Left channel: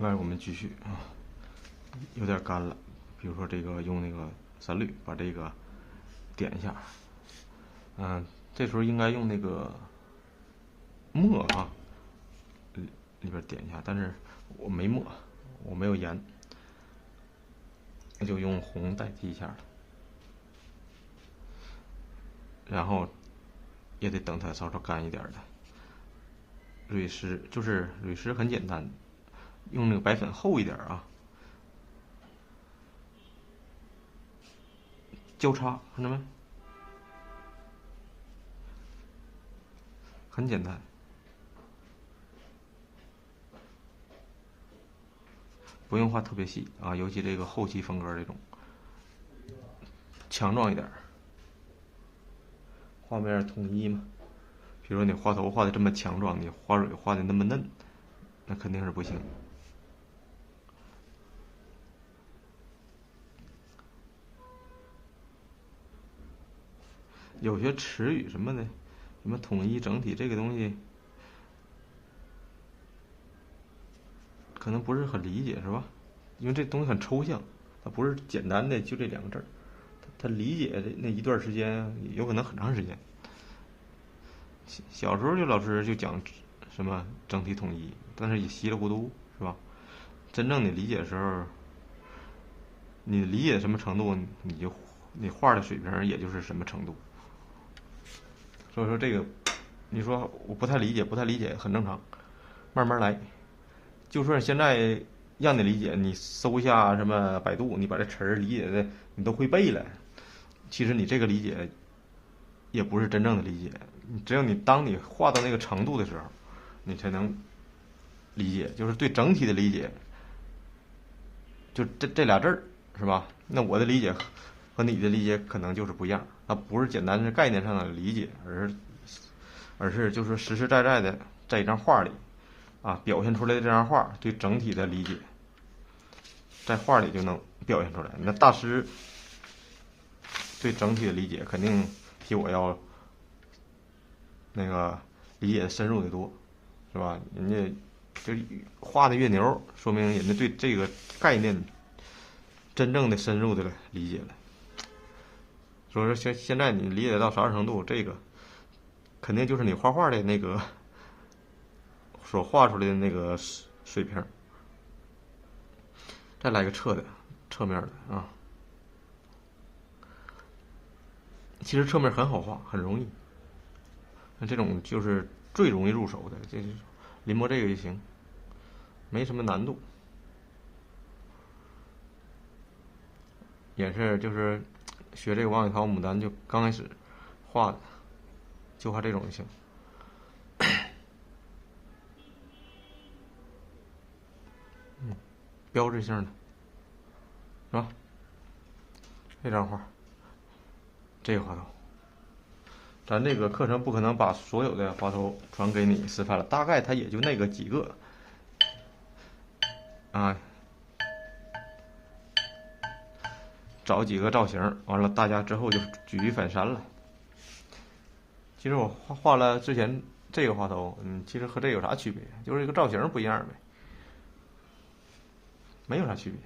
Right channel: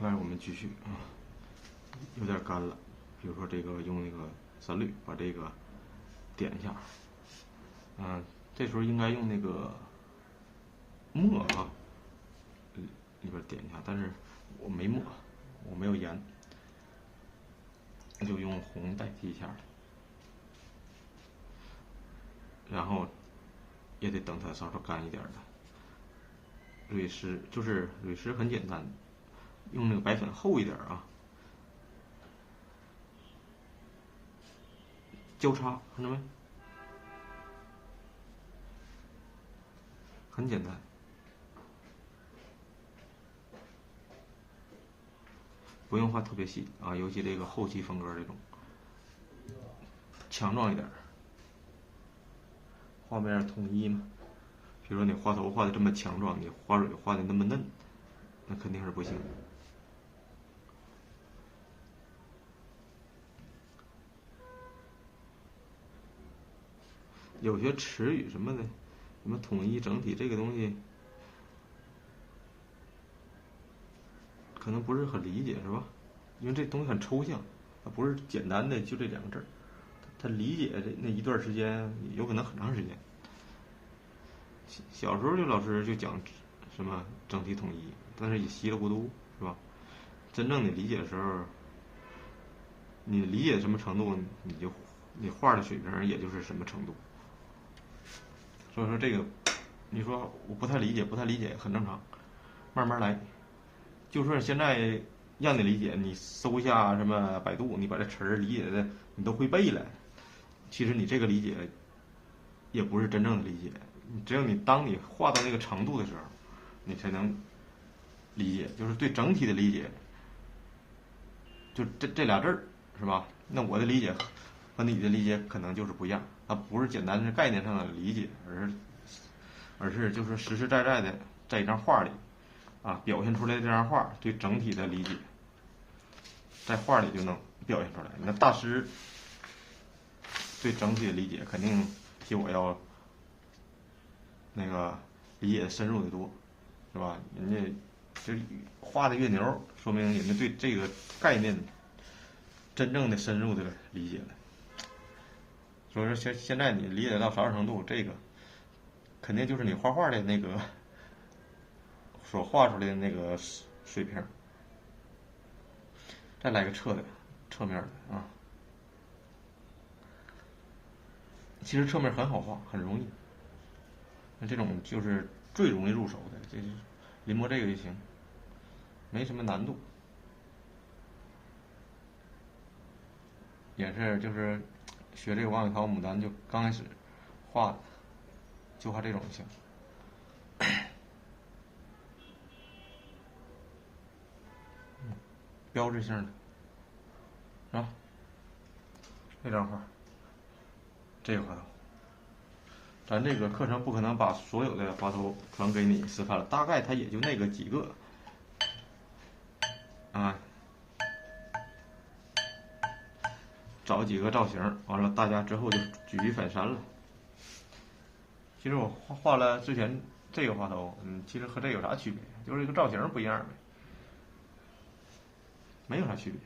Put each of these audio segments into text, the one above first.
来，我们继续啊，有点干了。比如说这个用那个散铝把这个点一下，这时候应该用那个墨啊，里边点一下，但是我没墨，我没有盐，那就用红代替一下，然后也得等它稍稍干一点的。铝石就是铝石很简单，用那个白粉厚一点啊，交叉，看到没？很简单，不用画特别细啊，尤其这个后期风格这种，强壮一点，画面统一嘛。比如说你花头画的这么强壮，你花蕊画的那么嫩，那肯定是不行。有些词语什么的，什么统一整体这个东西，可能不是很理解，是吧？因为这东西很抽象，它不是简单的就这两个字儿，他理解的那一段时间有可能很长时间。小时候这老师就讲什么整体统一，但是也稀里糊涂，是吧？真正你理解的时候，你理解什么程度，你画的水平也就是什么程度。所以说这个，你说我不太理解，不太理解很正常，慢慢来。就算现在让你理解，你搜一下什么百度，你把这词儿理解的你都会背了，其实你这个理解也不是真正的理解。只有当你画到那个程度的时候，你才能理解，就是对整体的理解，就这俩字儿，是吧？那我的理解和你的理解可能就是不一样，它不是简单的概念上的理解，而是就是实实在在的在一张画里啊表现出来的这张画对整体的理解，在画里就能表现出来。那大师对整体的理解肯定比我要那个理解的深入的多，是吧？人家就画的越牛，说明人家对这个概念真正的深入的理解了。所以说现在你理解到啥程度，这个肯定就是你画画的那个所画出来的那个水平。再来个侧面的啊，其实侧面很好画，很容易。那这种就是最容易入手的，这临摹这个就行，没什么难度。也是就是学这个王宇涛牡丹就刚开始画的，就画这种就行。标志性的，是吧？这张画，这个花头，咱这个课程不可能把所有的花头全给你示范了，大概它也就那个几个啊，找几个造型，完了大家之后就举一反三了。其实我画了之前这个花头，其实和这有啥区别？就是一个造型不一样呗，没有啥区别。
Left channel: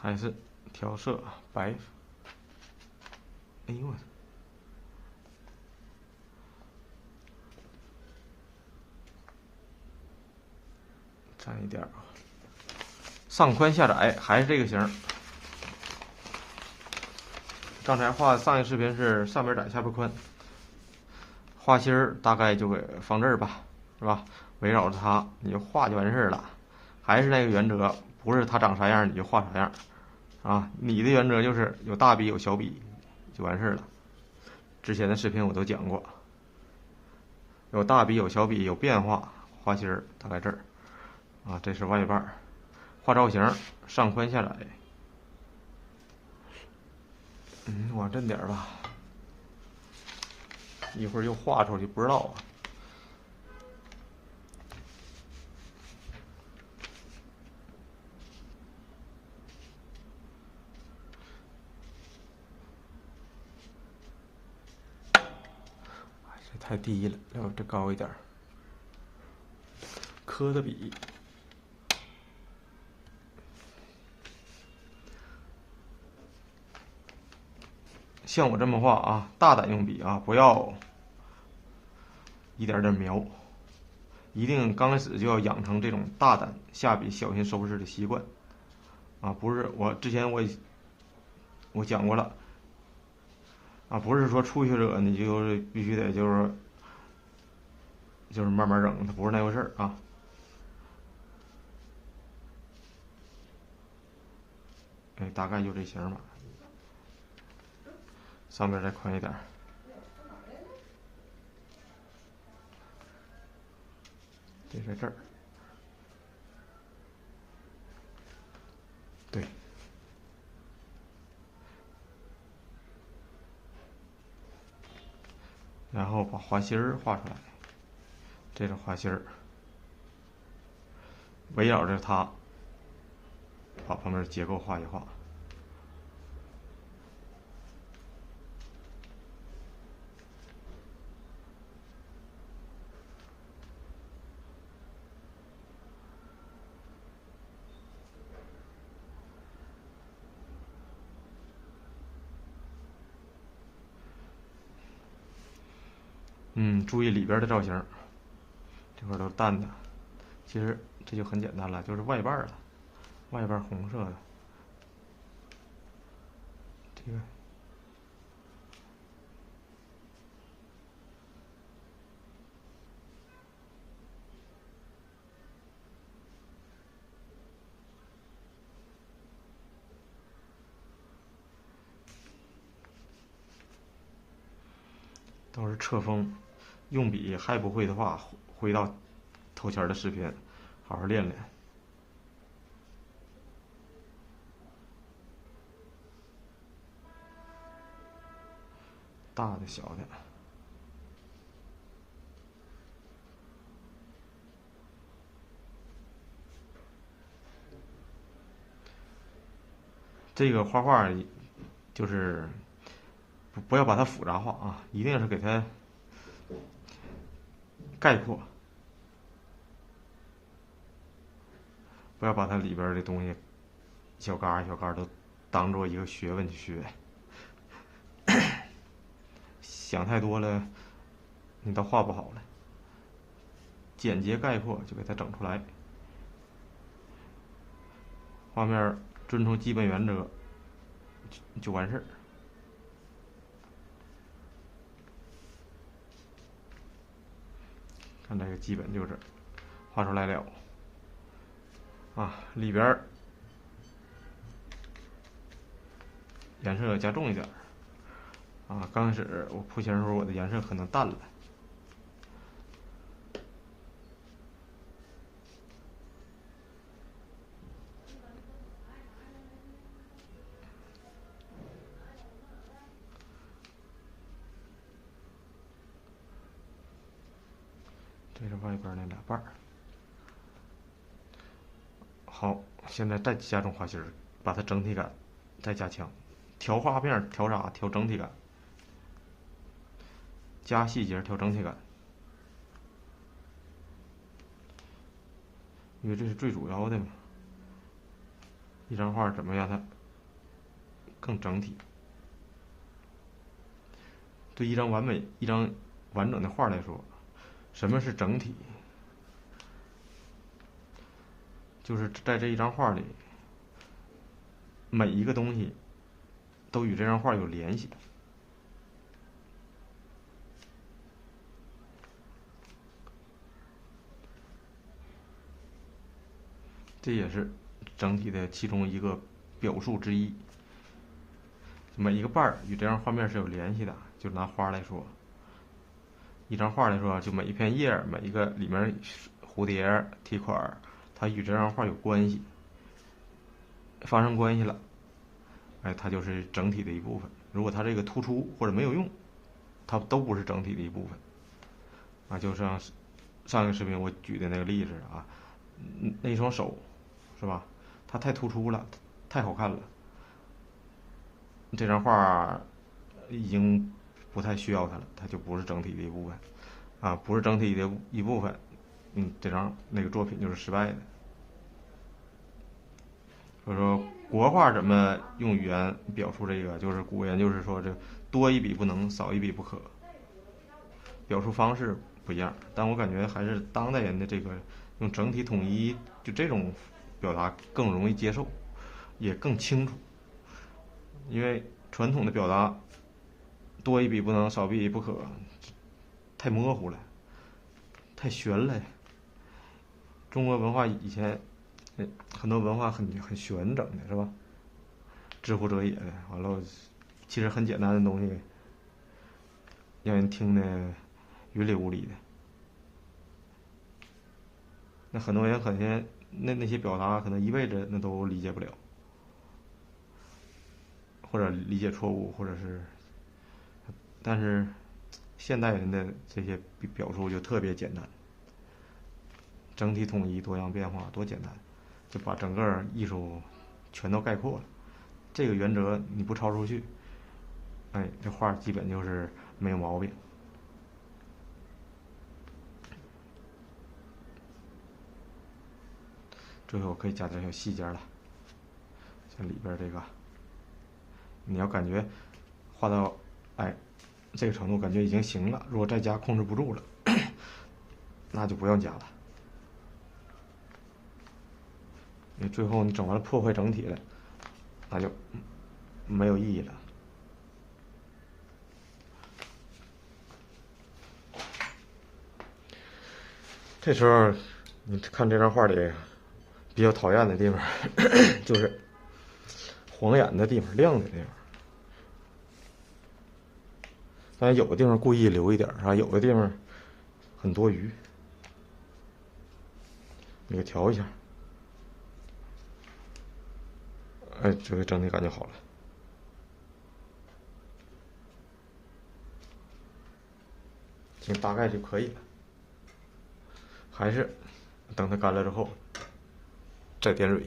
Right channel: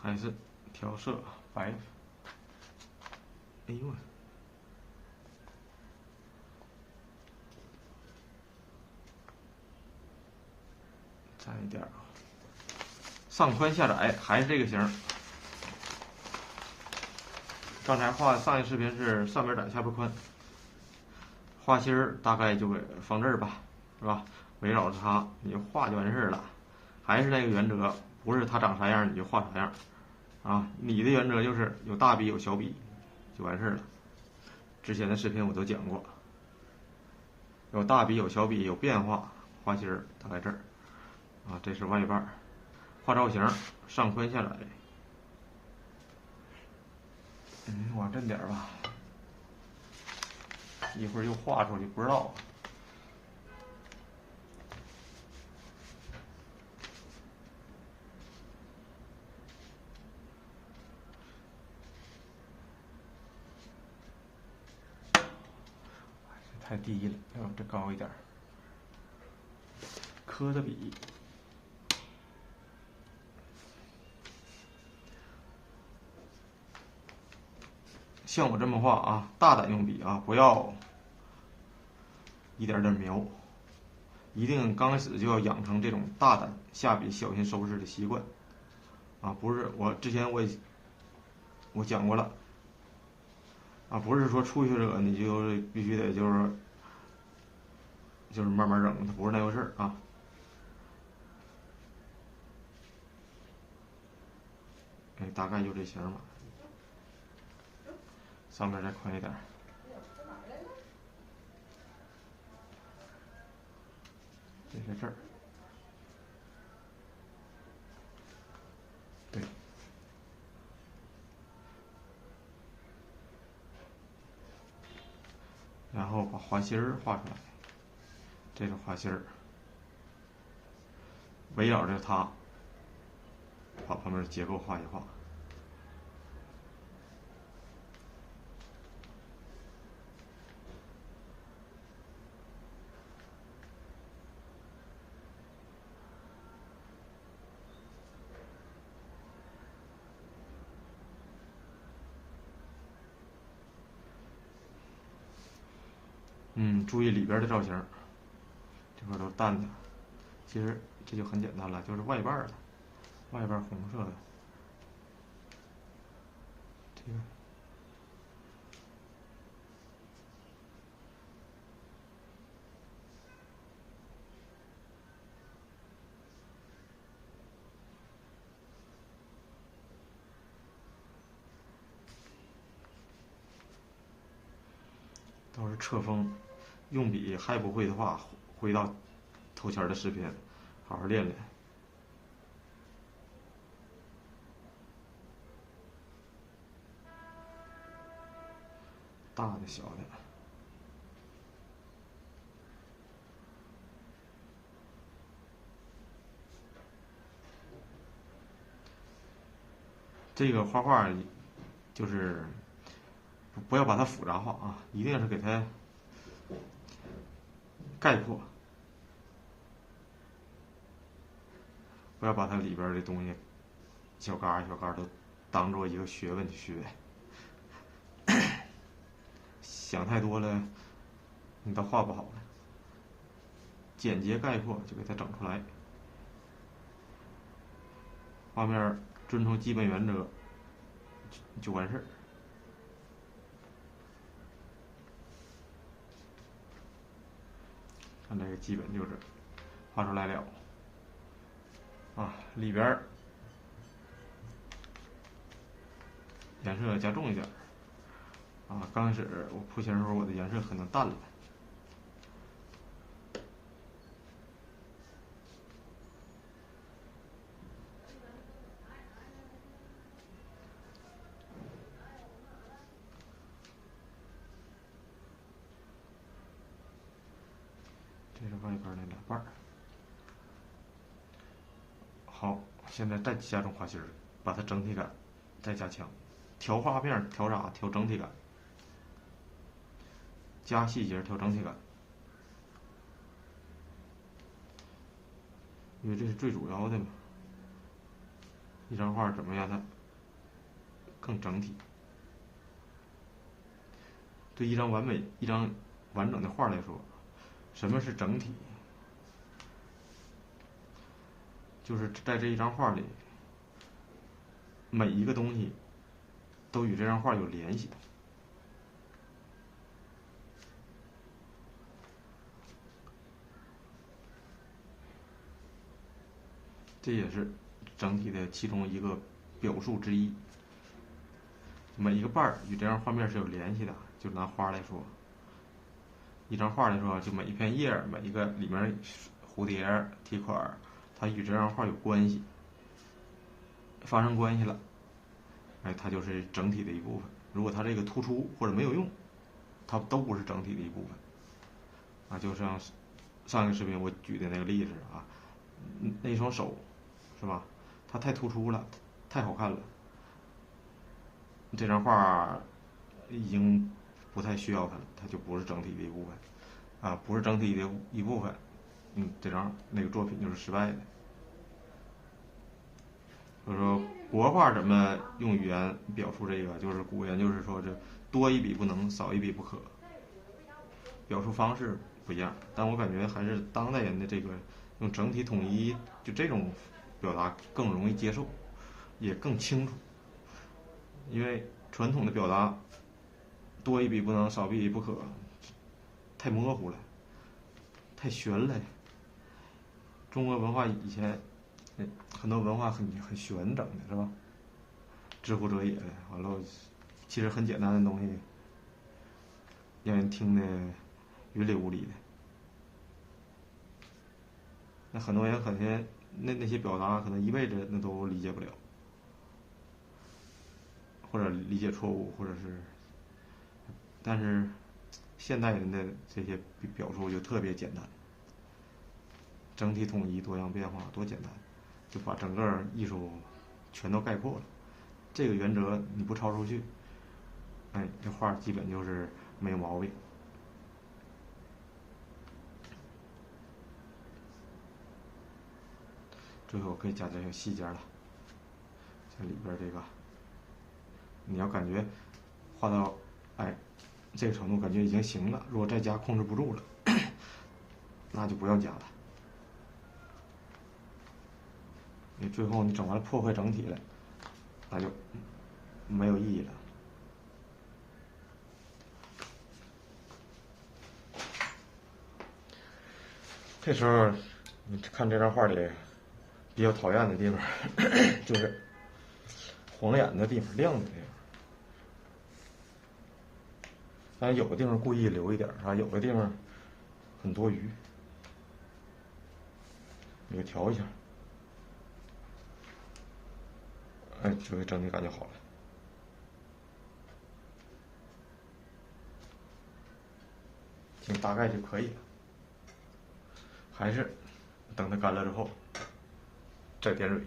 还是调色白，哎呦，沾一点上宽下窄，还是这个型。刚才画上一视频是上边窄下边宽，画心儿大概就给放这儿吧，是吧？围绕着它你就画就完事儿了，还是那个原则，不是它长啥样你就画啥样，啊，你的原则就是有大笔有小笔就完事儿了。之前的视频我都讲过，有大笔有小笔有变化，画心儿大概这儿，啊，这是外瓣，画造型上宽下窄，往这点吧，一会儿又画出去不知道。太低了，要这高一点。磕的笔，像我这么画啊，大胆用笔啊，不要一点点描，一定刚开始就要养成这种大胆下笔、小心收拾的习惯啊！不是我之前我讲过了啊，不是说初学者你就必须得就是慢慢整，它不是那回事儿啊。哎，大概就这型吧，上面再宽一点，这在这儿，对，然后把花心儿画出来，这个花心儿围绕着它，把旁边的结构画一画。注意里边的造型，这块都淡的，其实这就很简单了，就是外瓣了，外瓣红色的，这个都是侧锋。用笔还不会的话，回到头前的视频，好好练练。大的小的，这个画画就是不要把它复杂化啊，一定是给它概括，不要把它里边的东西小嘎小嘎都当做一个学问去学，想太多了，你都画不好了。简洁概括就给它整出来，画面遵从基本原则就完事儿。看这个基本就是画出来了啊，里边颜色要加重一点啊。刚开始我铺型的时候，我的颜色可能淡了。这是外边那两瓣。好，现在再加重花心儿，把它整体感再加强，调画面调啥？调整体感，加细节调整体感，因为这是最主要的嘛。一张画怎么让它更整体？对一张完整的画来说，什么是整体？就是在这一张画里，每一个东西都与这张画有联系。这也是整体的其中一个表述之一。每一个瓣儿与这张画面是有联系的。就拿花来说，一张画来说，就每一片叶儿，每一个里面蝴蝶、提款，它与这张画有关系，发生关系了，哎，它就是整体的一部分。如果它这个突出或者没有用，它都不是整体的一部分。啊，就像上一个视频我举的那个例子啊，那一双手，是吧？它太突出了，太好看了。这张画已经不太需要它了，它就不是整体的一部分，啊，不是整体的一部分，这张那个作品就是失败的。所以说国画怎么用语言表述这个，就是古人就是说这多一笔不能，少一笔不可，表述方式不一样，但我感觉还是当代人的这个用整体统一就这种表达更容易接受，也更清楚。因为传统的表达多一笔不能，少一笔不可，太模糊了，太玄了。中国文化以前很多文化很玄整的是吧？知乎者也的，完了，其实很简单的东西，让人听得云里雾里的。那很多人可能那些表达可能一辈子那都理解不了，或者理解错误，或者是，但是现代人的这些表述就特别简单，整体统一，多样变化，多简单，就把整个艺术全都概括了。这个原则你不超出去，这画基本就是没有毛病。最后可以加点小细节了，像里边这个，你要感觉画到这个程度，感觉已经行了，如果再加控制不住了，那就不用加了。因为最后你整完了破坏整体了，那就没有意义了。这时候你看这张画里比较讨厌的地方就是晃眼的地方，亮的地方。当然有的地方故意留一点啊，有的地方很多余，你给调一下，这个整体感觉好了。行，大概就可以了。还是等它干了之后再点蕊。